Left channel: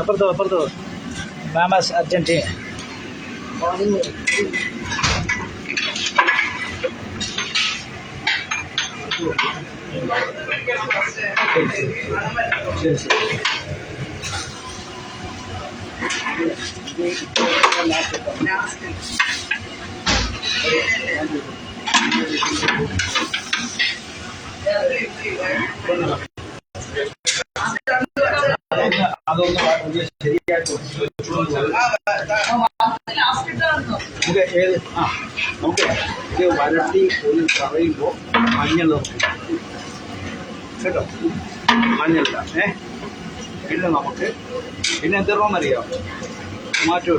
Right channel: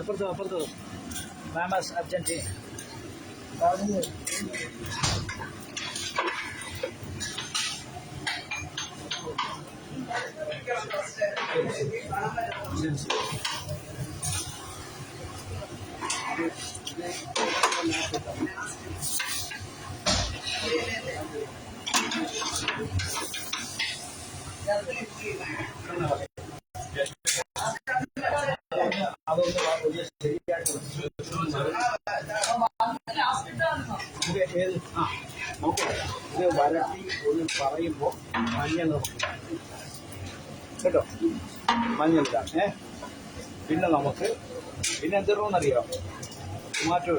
അപ്പുറത്തോ മാമാസ് Argentina. നമുക്ക് ഇത് വരട്ടി ഒരു പറയുമ്പോൾ മഞ്ഞൾ കേട്ടോ, മഞ്ഞളില്ല. പിന്നെ നമുക്ക് പിന്നെ എന്തെന്നറിയാം, ടൊമാറ്റോ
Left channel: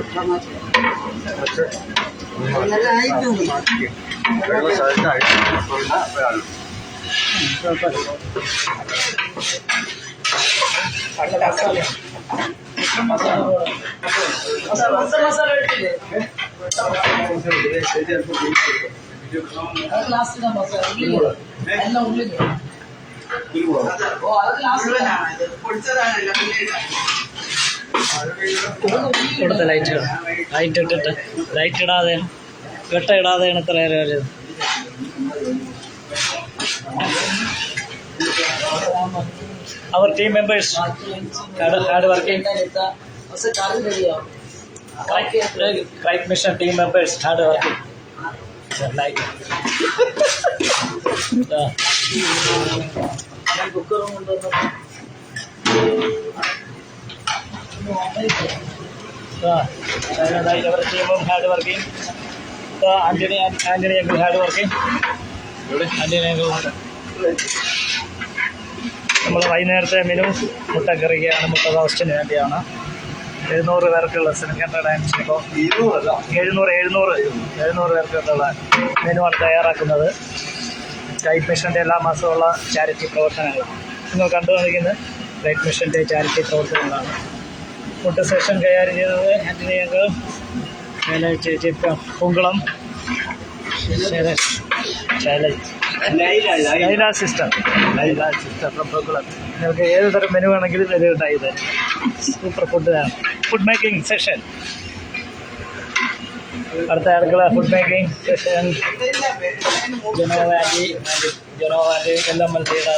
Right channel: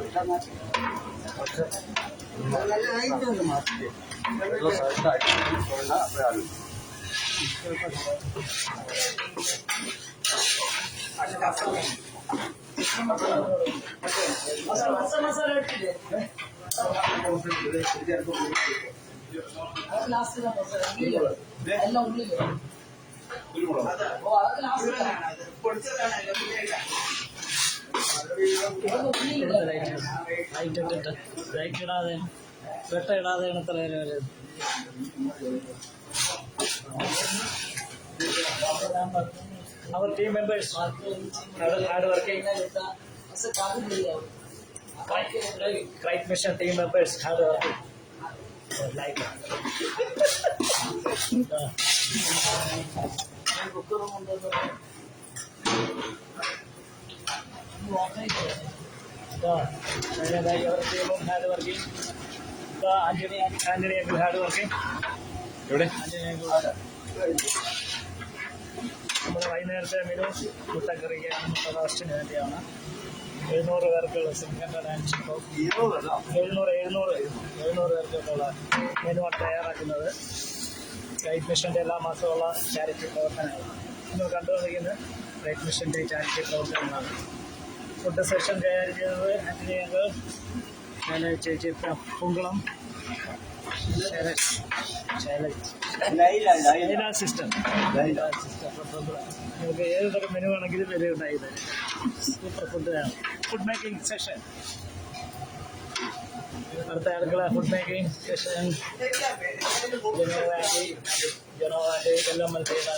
ഇവിടുത്തെ ലൈറ്റ് ഇട്ടിട്ട് ലൈറ്റ് ഇടാതെയാണ്, വെട്ട ഇടാതെയാണ് ഇത്ര നേരം വരുന്നത്. Our team members hard working. Right mission team members hard working. Like our team hard working. Anthony uncle hard working. Anthony uncle hard. നമ്മൾ വൈകുന്നേരത്തെ മെനു മുട്ടക്കറിക്കാണ്, മുട്ട റോസ്റ്റിന് വേണ്ടിയാണ്. 700 പേർക്കുള്ള സെൻട്രൽ ഡയൻസിന് ഇപ്പോൾ 700 പേർക്കുള്ള മെനുവാണ് തയ്യാറാക്കുന്നത്. ലൈഫ് മിഷൻ്റെ എല്ലാ മാസമുള്ള ചാരിറ്റി പ്രവർത്തനങ്ങൾ നിങ്ങൾ കണ്ടു കാണിക്കുന്നത് ലൈഫ് മിഷൻ്റെ ചാരിറ്റി പ്രവർത്തനങ്ങളാണ്. ഫുഡ് സെഷൻ കൈകാര്യം ചെയ്തത് ആൻ്റണി അങ്കിൾ, ചേച്ചി പൂങ്കുളം, ലൈല സിസ്റ്റർ ഫ്രം പൂങ്കുളം. നിങ്ങൾക്ക് ഏത് തരം മെനു വേണമെങ്കിലും ഇത് ഉണ്ടായി തരും. Super food making session. അടുത്ത അടുക്കള ഫുഡ് മേക്കിംഗ് സെഷൻ. ജനോവാൻറ്റി എല്ലാം മനസ്സിലാ.